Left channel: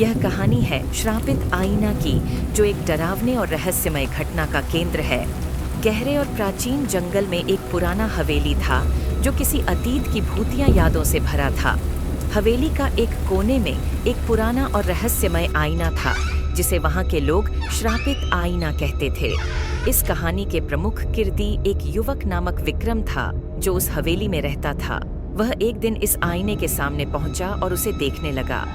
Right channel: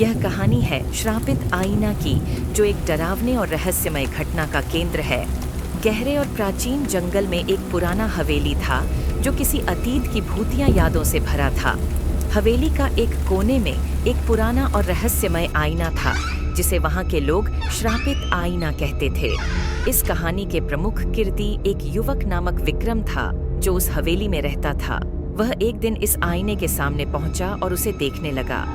यह कहानी है श्रापित आईना की, जो एक डरावने और रहस्यमय घटना का केंद्र है। गहरे और प्राचीन जंगल में एक पुराना हवेली था, जो किसी अतीत की भूतिया यादों से भरा था। हवेली का एक कोने में एक पुराना और रहस्यमय आईना था, जिसे वहाँ के लोग श्रापित आईना कहते थे। इस कहानी के प्रमुख किरदी एक युवक नामक विक्रम था, जो उस हवेली में रहता था। वह एक दिन इस आईने के सामने पहुंचा और उसे देखने लगा।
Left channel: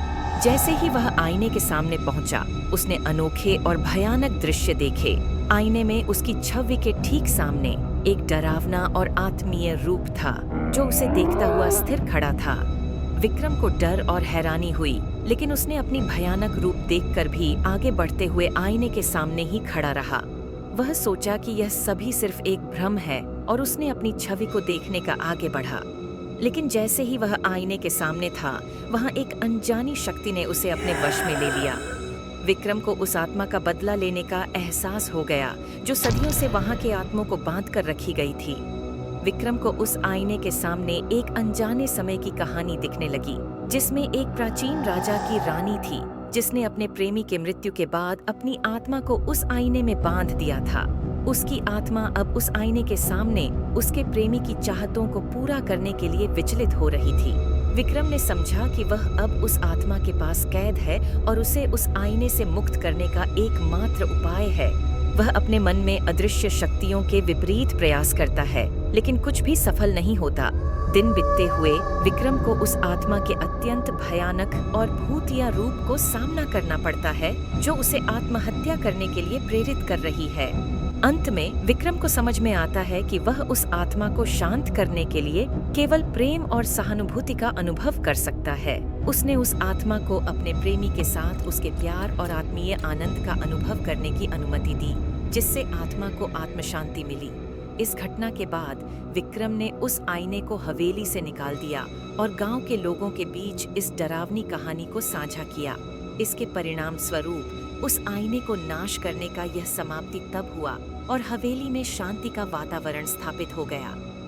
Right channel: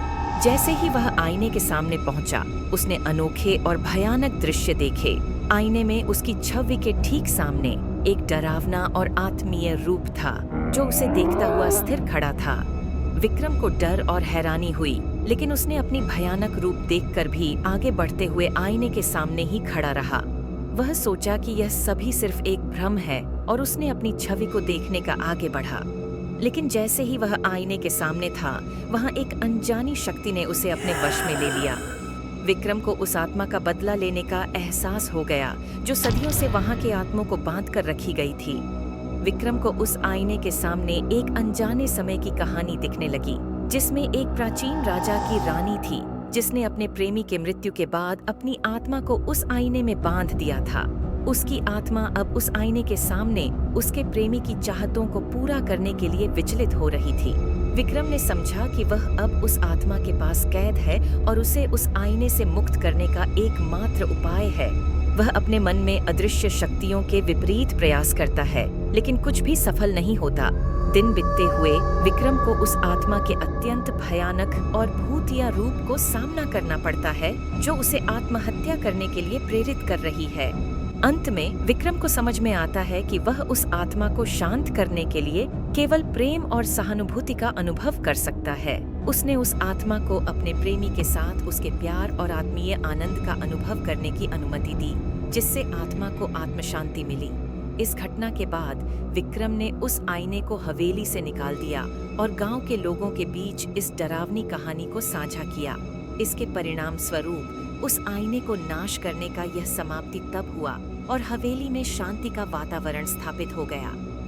जैसे ही वह आईने के सामने पहुंचा, उसने अनोखे और भयानक दृश्य देखे। आईने में उसकी छवि के ठीक सामने एक डरावना और आत्मीय रूप था, जो उसे देखता हुआ स्थिर खड़ा था। विक्रम को डर और हैरानी हुई, लेकिन उसने अपनी भयानक रूप देखकर भी आगे बढ़ते हुए आईने के सामने ही खड़ा रहा। वह सोचा कि यह सभी सिर्फ एक भ्रम है, और उसने अपनी छवि को देखने का आगे बढ़ा। लेकिन जैसे ही वह आईने के सामने था, वहां एक अनजानी शक्ति ने उसे अपने वश में ले लिया। विक्रम को उस आत्मा का बदला लेने का एहसास हो गया, जो सदियों से वहां के आत्माओं को बांध कर रखी गई थी। विक्रम को उस आईने के सामने एक अनजाने समय की कहानी दिखने लगी, जिसमें एक प्राचीन राजा की रानी थी, जिसने अपने प्रेमी के मृत्यु के बाद अपनी आत्मा को उस आईने में बांध दिया था। उसकी आत्मा अब उस आईने के सामने उसके प्रेमी की चाहतों को पूरा करने के लिए विचलित हो रही थी। विक्रम ने समझा कि वह अब उस आत्मा के पास कैद है और उसे उस आईने से मुक्त करने का एकमात्र उपाय है। वह अपने मन में अदृश्य शक्तियों के विपरीत प्रयास करता है, लेकिन कुछ भी सफल नहीं होता। दिन बीतते हुए विक्रम को उस आत्मा के अत्यंत भयानक और भूतिया रूप को सामना करना पड़ता है, जो उसे आत्महत्या करने के लिए प्रेरित कर रही है। अंत में विक्रम को समझ में आता है कि वह उस आत्मा को शांत करने के लिए केवल प्रेम और सहानुभूति का अनुभव कर सकता है। उसने उस आत्मा को अपने प्रेमी के साथ उसके प्यार और आत्मीय आनंद का अनुभव करने की अनुमति दी, जिससे आत्मा को आत्म शांति मिली। इस घटना के बाद विक्रम ने उस आईने को हवेली से निकाल दिया और गांव के लोगों के बीच इस डरावनी कहानी को साझा किया। इसके परिणाम स्वरूप उस आईने को नाश करने का यह समाप्ति तब हुआ और हवेली में शांति का वातावरण स्थापित हो गया।